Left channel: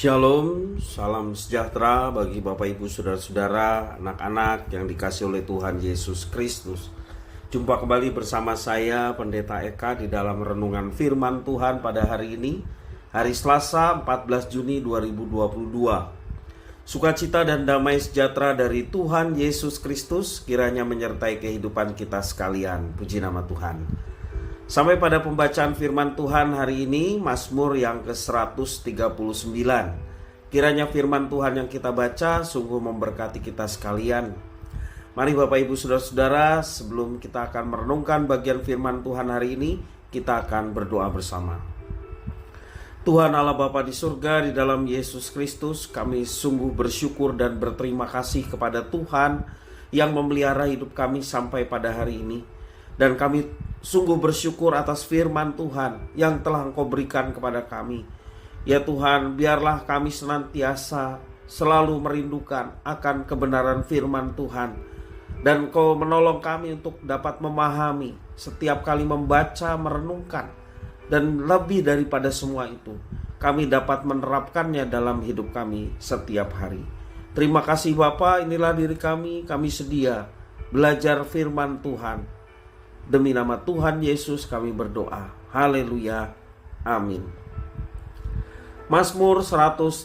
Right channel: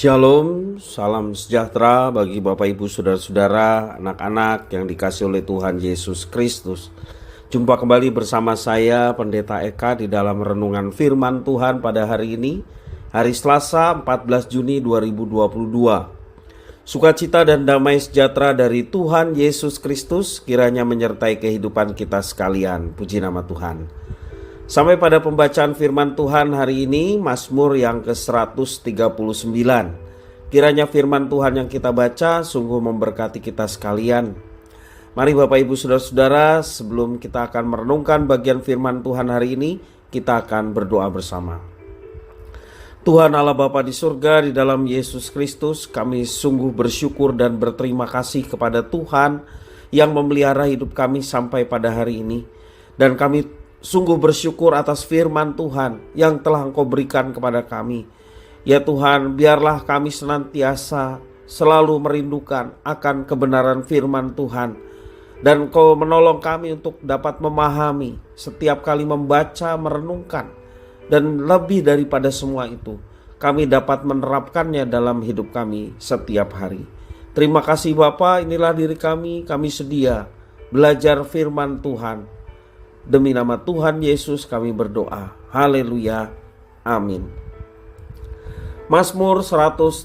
Shalom, salam sejahtera bagi Bapak Ibu Saudara-saudara, anak-anak yang dikasihi oleh Tuhan Yesus Kristus. Jumpa kembali bersama saya Pendeta Eka di dalam renungan firman Tuhan pada hari ini, hari Selasa 14 Juni 2022. Sukacita dan damai sejahtera dari Tuhan Yesus Kristus kiranya menyertai kehidupan kita sekalian. Puji nama Tuhan. Sampai pada pembacaan firman Tuhan hari ini, Mazmur yang ke-139. Kiranya firman Tuhan yang kita baca sungguh memberkati kita sekalian. Mari Bapak Ibu Saudara-saudara, sebelum kita akan merenungkan bagian firman Tuhan hari ini, kita akan berdoa bersama. Tuhan Allah Bapa di surga, di dalam Yesus Kristus, kami sungguh bersyukur dan berterima kasih kepada Tuhan yang memelihara hidup kami sampai pada hari ini. Dan kami sungguh bersyukur atas firman Tuhan yang telah Engkau berikan kepada kami. Ya Tuhan, biarlah kami senantiasa selalu merindukan akan kebenaran firman Tuhan. Dan Engkau menolong kami untuk dapat memahami setiap kali membaca, merenungkan. Dan lebih daripada semua itu, kami dapat menerapkannya dalam hidup kami setiap hari. Terima kasih Bapa, inilah diri kami sedia belajar firman Tuhan. Demi nama Tuhan Yesus kami berdoa. Haleluya. Amin. Mazmur 139.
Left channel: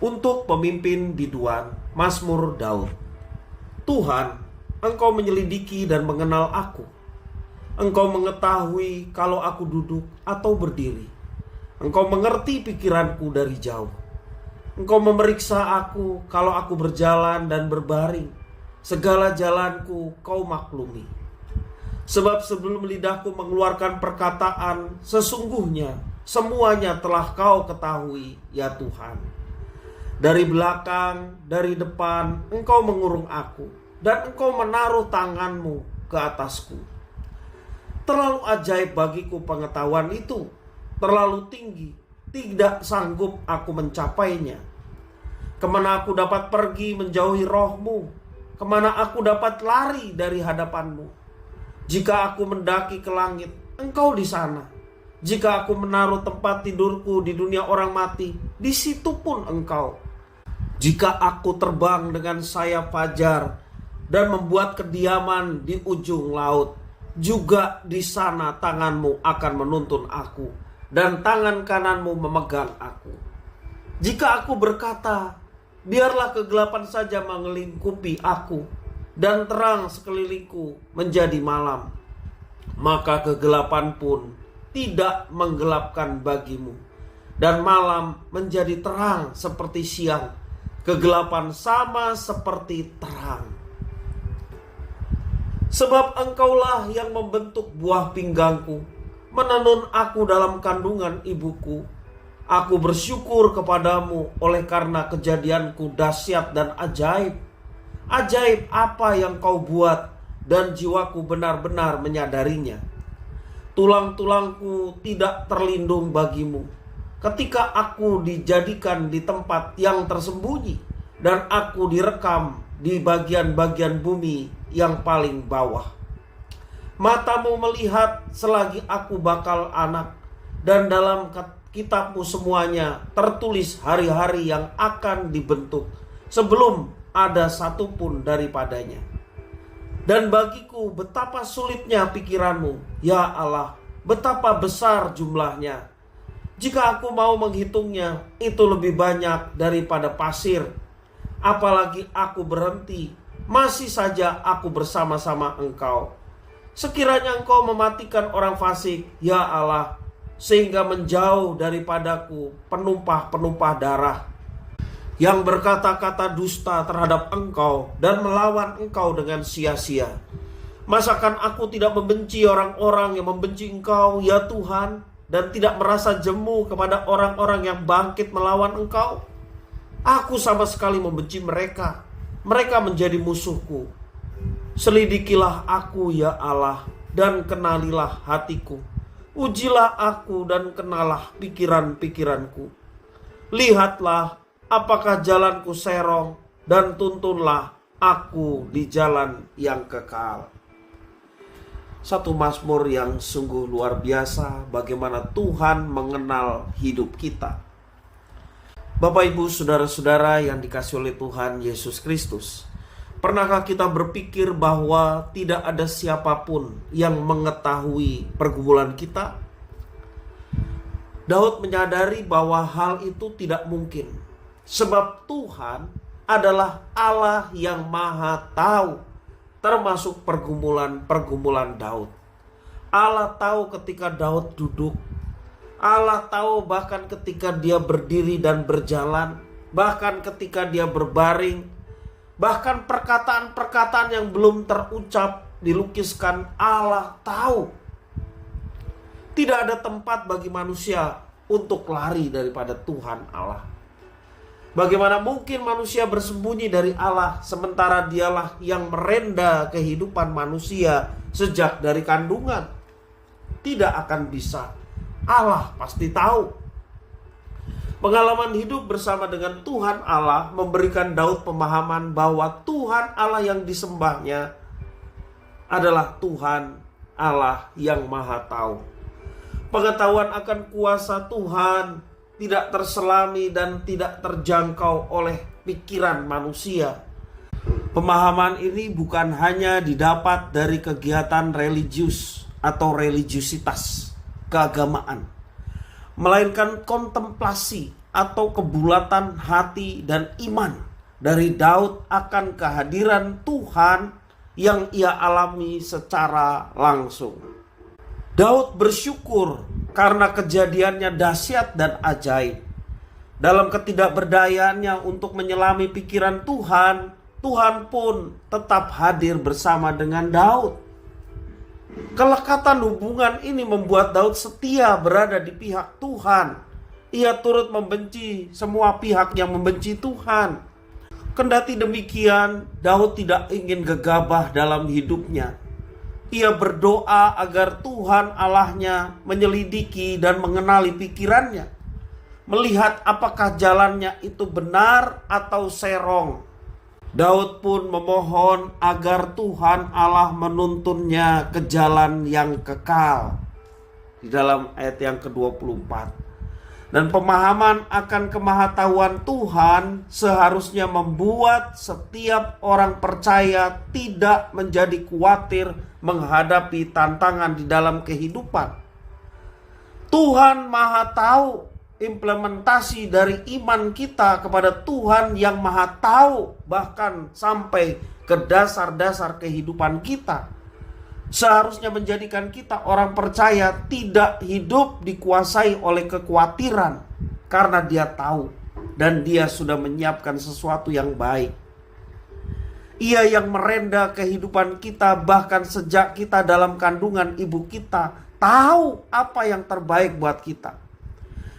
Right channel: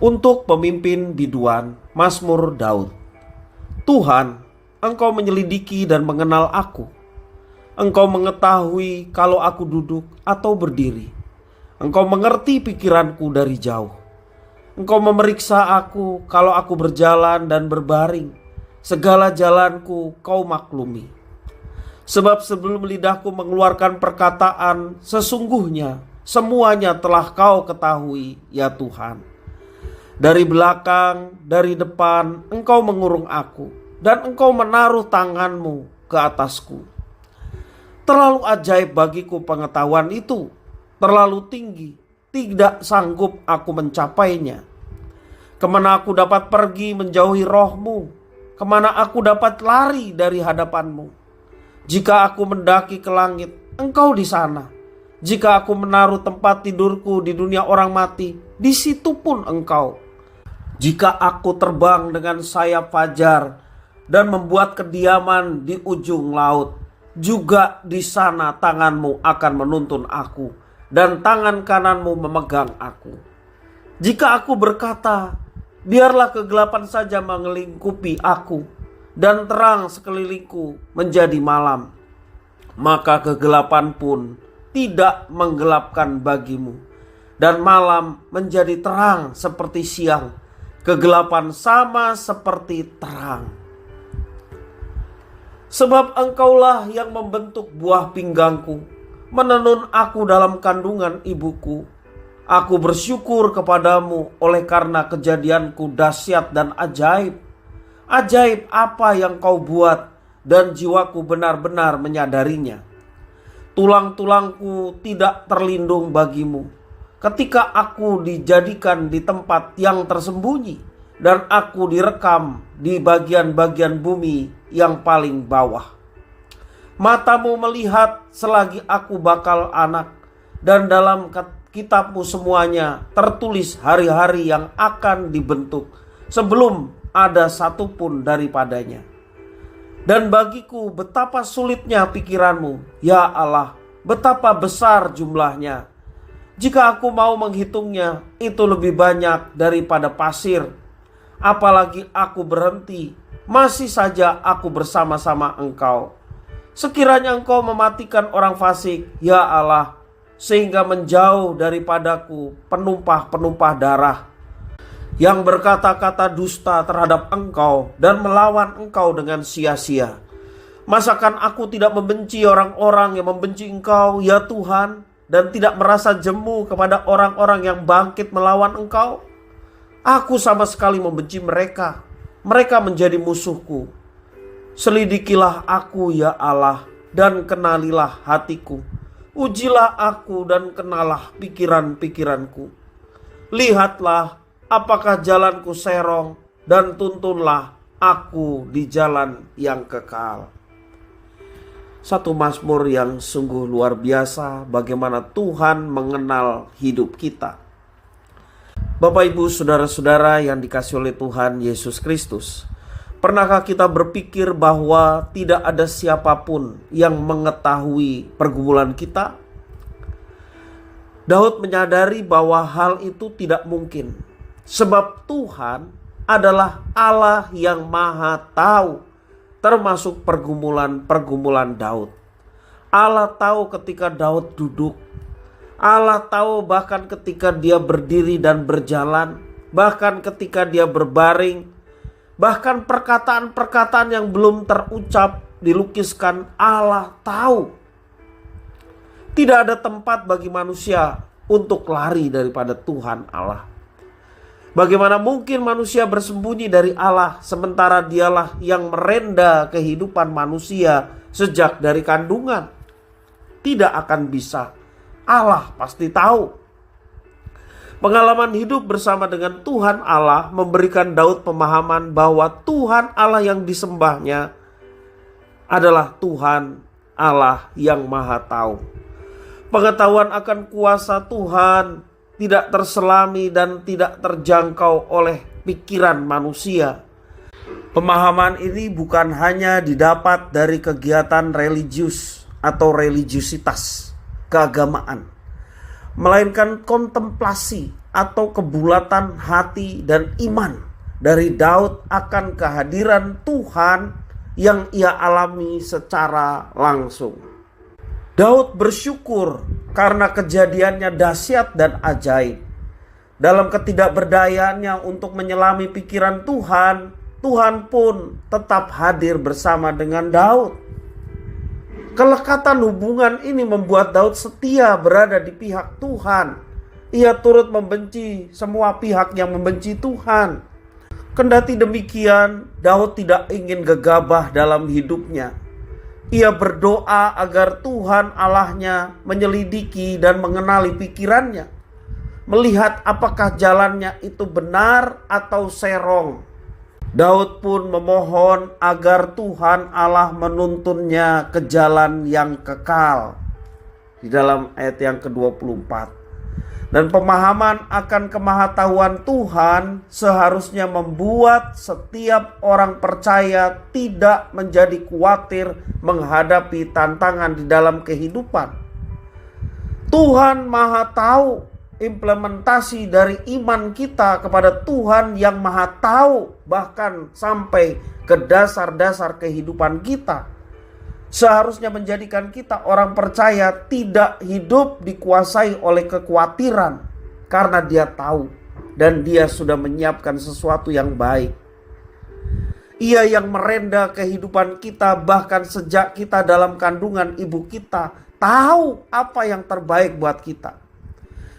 Untuk pemimpin biduan, Mazmur Daud. Tuhan, Engkau menyelidiki dan mengenal aku. Engkau mengetahui kalau aku duduk atau berdiri. Engkau mengerti pikiranku dari jauh. Engkau memeriksa aku kalau aku berjalan dan berbaring. Segala jalanku Kau maklumi. Sebab sebelum lidahku mengeluarkan perkataan, sesungguhnya semuanya telah Kau ketahui, ya Tuhan. Dari belakang, dari depan, Engkau mengurung aku, dan Engkau menaruh tangan-Mu ke atasku. Terlalu ajaib bagiku pengetahuan itu, terlalu tinggi, tidak sanggup aku mencapainya. Kemana aku dapat pergi menjauhi roh-Mu? Kemana aku dapat lari dari hadapan-Mu? Jika aku mendaki ke langit, Engkau di sana. Jika aku menaruh tempat tidurku di dunia orang mati, di situ pun Engkau. Jika aku terbang dengan sayap fajar dan membuat kediaman di ujung laut, juga di sana tangan-Mu akan menuntun aku dan tangan kanan-Mu memegang aku. Jika aku berkata, biarlah kegelapan saja mengelingkupi aku dan terang sekelilingku menjadi malam, maka kegelapan pun tidak menggelapkan bagimu, dan malam menjadi terang seperti siang, kegelapan sama seperti terang. Sebab Engkaulah yang membentuk buah pinggangku, menenun aku dalam kandungan ibuku. Aku bersyukur kepadamu oleh karena kejadianku dahsyat dan ajaib. Ajaib apa yang Kau buat dan jiwaku benar-benar menyadarinya. Tulang-tulangku tidak terlindung bagimu ketika aku dijadikan di tempat yang tersembunyi dan aku direkam di bagian-bagian bumi yang paling bawah. Matamu melihat selagi aku bakal anak, dan dalam Kitab-Mu semuanya tertulis hari-hari yang akan dibentuk sebelum ada satupun daripadanya. Dan bagiku betapa sulitnya pikiran-Mu, ya Allah, betapa besar jumlahnya. Jika aku mau menghitungnya, itu lebih banyak daripada pasir. Apalagi aku berhenti, masih saja aku bersama-sama Engkau. Sekiranya Engkau mematikan orang fasik, ya Allah, sehingga menjauh daripadaku penumpah-penumpah darah yang berkata-kata dusta terhadap Engkau dan melawan Engkau dengan sia-sia. Masakan aku tidak membenci orang-orang yang membenci Engkau, ya Tuhan, dan tidak merasa jemu kepada orang-orang yang bangkit melawan Engkau? Aku sama sekali membenci mereka. Mereka menjadi musuhku. Selidikilah aku, ya Allah, dan kenalilah hatiku. Ujilah aku dan kenalah pikiran-pikiranku. Lihatlah apakah jalanku serong, dan tuntunlah aku di jalan yang kekal. Satu mazmur yang sungguh luar biasa bagaimana Tuhan mengenal hidup kita. Bapak, Ibu, saudara-saudara yang dikasihi oleh Tuhan Yesus Kristus, pernahkah kita berpikir bahwa tidak ada siapapun yang mengetahui pergumulan kita? Daud menyadari bahwa hal itu tidak mungkin, sebab Tuhan adalah Allah yang Maha Tahu, termasuk pergumulan Daud. Allah tahu ketika Daud duduk. Allah tahu bahkan ketika dia berdiri dan berjalan, bahkan ketika dia berbaring, bahkan perkataan-perkataan yang belum terucap dilukiskan. Allah tahu. Tidak ada tempat bagi manusia untuk lari daripada Tuhan Allah. Bagaimana mungkin manusia bersembunyi dari Allah sementara dialah yang merenda kehidupan manusia sejak dari kandungan? Tidak akan bisa. Allah pasti tahu. Pengalaman hidup bersama dengan Tuhan Allah memberikan Daud pemahaman bahwa Tuhan Allah yang disembahnya adalah Tuhan Allah yang Maha Tahu. Pengetahuan akan kuasa Tuhan tidak terselami dan tidak terjangkau oleh pikiran manusia. Pemahaman ini bukan hanya didapat dari kegiatan religius atau religiusitas keagamaan, melainkan kontemplasi atau kebulatan hati dan iman dari Daud akan kehadiran Tuhan yang ia alami secara langsung. Daud bersyukur karena kejadiannya dahsyat dan ajaib. Dalam ketidakberdayaannya untuk menyelami pikiran Tuhan, Tuhan pun tetap hadir bersama dengan Daud. Kelekatan hubungan ini membuat Daud setia berada di pihak Tuhan. Ia turut membenci semua pihak yang membenci Tuhan. Kendati demikian, Daud tidak ingin gegabah dalam hidupnya. Ia berdoa agar Tuhan Allahnya menyelidiki dan mengenali pikirannya, melihat apakah jalannya itu benar atau serong. Daud pun memohon agar Tuhan Allah menuntunnya ke jalan yang kekal. Di dalam ayat yang ke-24. Dan pemahaman akan kemahatauan Tuhan seharusnya membuat setiap orang percaya tidak menjadi khawatir menghadapi tantangan di dalam kehidupan. Tuhan Maha Tahu. Implementasi dari iman kita kepada Tuhan yang Maha Tahu bahkan sampai ke dasar-dasar kehidupan kita seharusnya menjadikan kita orang percaya tidak hidup dikuasai oleh kekhawatiran, karena dia tahu dan dia sudah menyiapkan sesuatu yang baik. Ia yang merenda kehidupan kita bahkan sejak kita dalam kandungan ibu kita, tahu apa yang terbaik buat kita.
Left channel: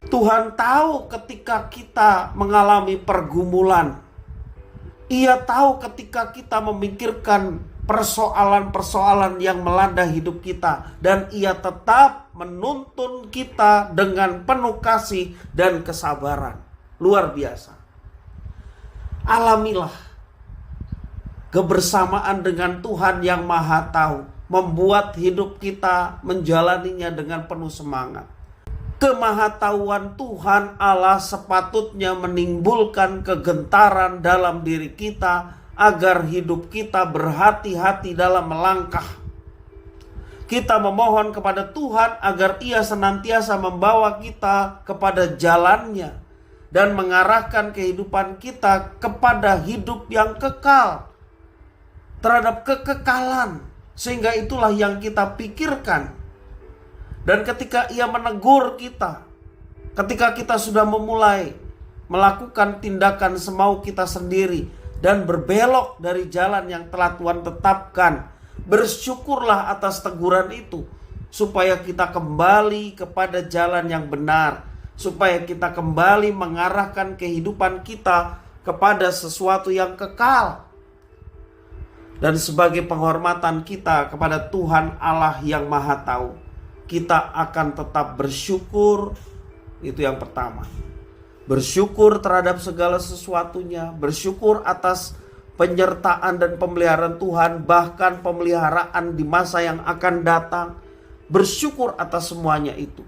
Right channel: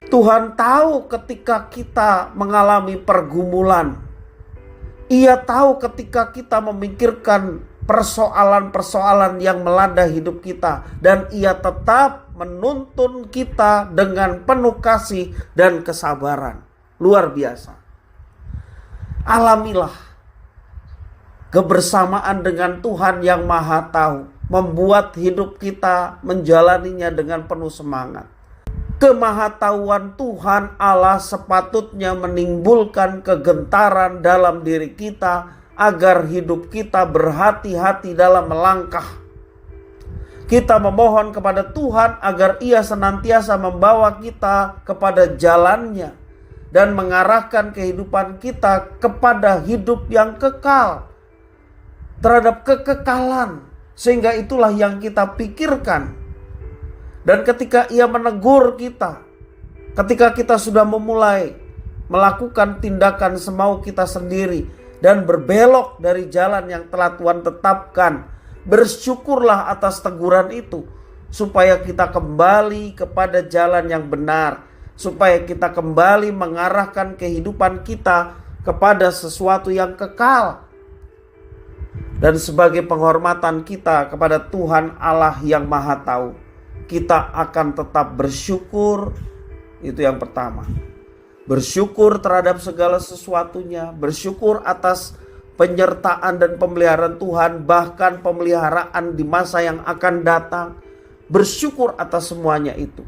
Tuhan tahu ketika kita mengalami pergumulan. Ia tahu ketika kita memikirkan persoalan-persoalan yang melanda hidup kita. Dan ia tetap menuntun kita dengan penuh kasih dan kesabaran. Luar biasa. Alamilah kebersamaan dengan Tuhan yang Maha Tahu. Membuat hidup kita menjalaninya dengan penuh semangat. Kemahatauan Tuhan Allah sepatutnya menimbulkan kegentaran dalam diri kita agar hidup kita berhati-hati dalam melangkah. Kita memohon kepada Tuhan agar Ia senantiasa membawa kita kepada jalannya dan mengarahkan kehidupan kita kepada hidup yang kekal, terhadap kekekalan, sehingga itulah yang kita pikirkan. Dan ketika Ia menegur kita, ketika kita sudah memulai melakukan tindakan semau kita sendiri dan berbelok dari jalan yang telah Tuhan tetapkan, bersyukurlah atas teguran itu, supaya kita kembali kepada jalan yang benar, supaya kita kembali mengarahkan kehidupan kita kepada sesuatu yang kekal. Dan sebagai penghormatan kita kepada Tuhan Allah yang Maha Tahu, kita akan tetap bersyukur. Itu yang pertama. Bersyukur terhadap segala sesuatunya. Bersyukur atas penyertaan dan pemeliharaan Tuhan, bahkan pemeliharaan di masa yang akan datang. Bersyukur atas semuanya itu.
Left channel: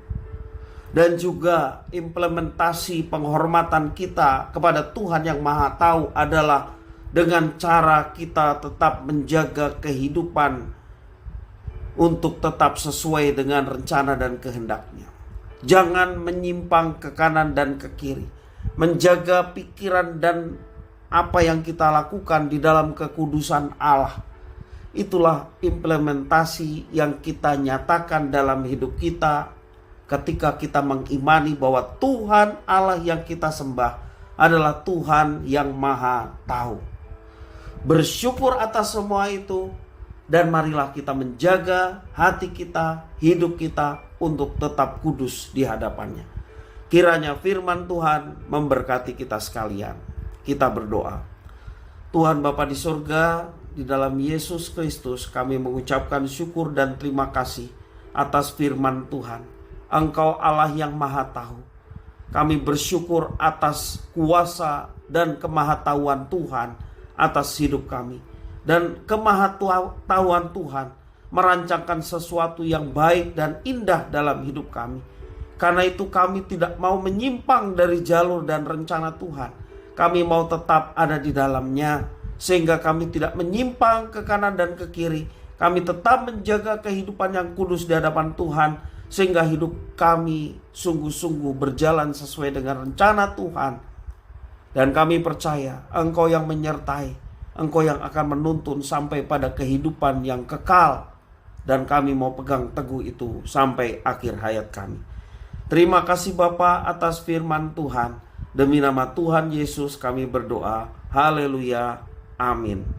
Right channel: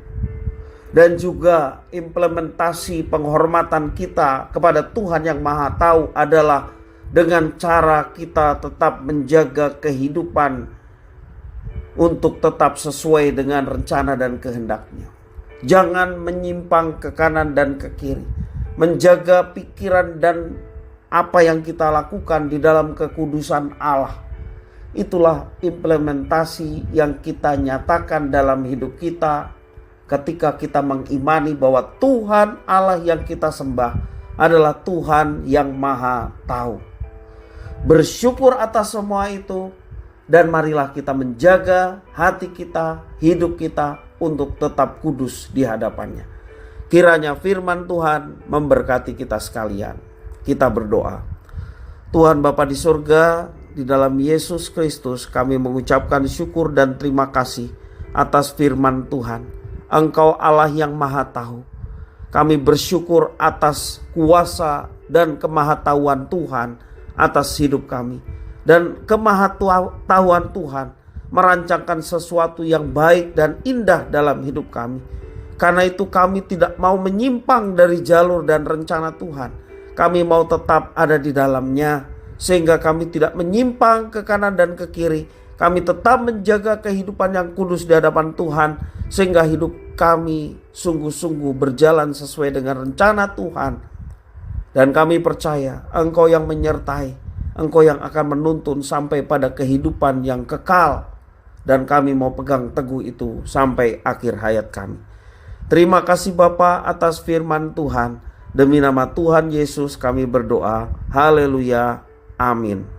Dan juga implementasi penghormatan kita kepada Tuhan yang Maha Tahu adalah dengan cara kita tetap menjaga kehidupan untuk tetap sesuai dengan rencana dan kehendak-Nya. Jangan menyimpang ke kanan dan ke kiri. Menjaga pikiran dan apa yang kita lakukan di dalam kekudusan Allah. Itulah implementasi yang kita nyatakan dalam hidup kita ketika kita mengimani bahwa Tuhan Allah yang kita sembah adalah Tuhan yang Maha Tahu. Bersyukur atas semua itu, dan marilah kita menjaga hati kita, hidup kita untuk tetap kudus di hadapannya. Kiranya firman Tuhan memberkati kita sekalian. Kita berdoa. Tuhan Bapa di surga, di dalam Yesus Kristus kami mengucapkan syukur dan terima kasih atas firman Tuhan. Engkau Allah yang Maha Tahu. Kami bersyukur atas kuasa dan kemahatauan Tuhan atas hidup kami. Dan kemahatauan Tuhan merancangkan sesuatu yang baik dan indah dalam hidup kami. Karena itu kami tidak mau menyimpang dari jalur dan rencana Tuhan. Kami mau tetap ada di dalamnya, sehingga kami tidak menyimpang ke kanan dan ke kiri. Kami tetap menjaga kehidupan yang kudus di hadapan Tuhan, sehingga hidup kami sungguh-sungguh berjalan sesuai dengan rencana Tuhan. Dan kami percaya Engkau yang menyertai, Engkau yang akan menuntun sampai pada kehidupan yang kekal. Dan kami mau pegang teguh itu sampai akhir hayat kami. Terima kasih Bapa atas firman Tuhan. Demi nama Tuhan Yesus kami berdoa. Haleluya. Amin.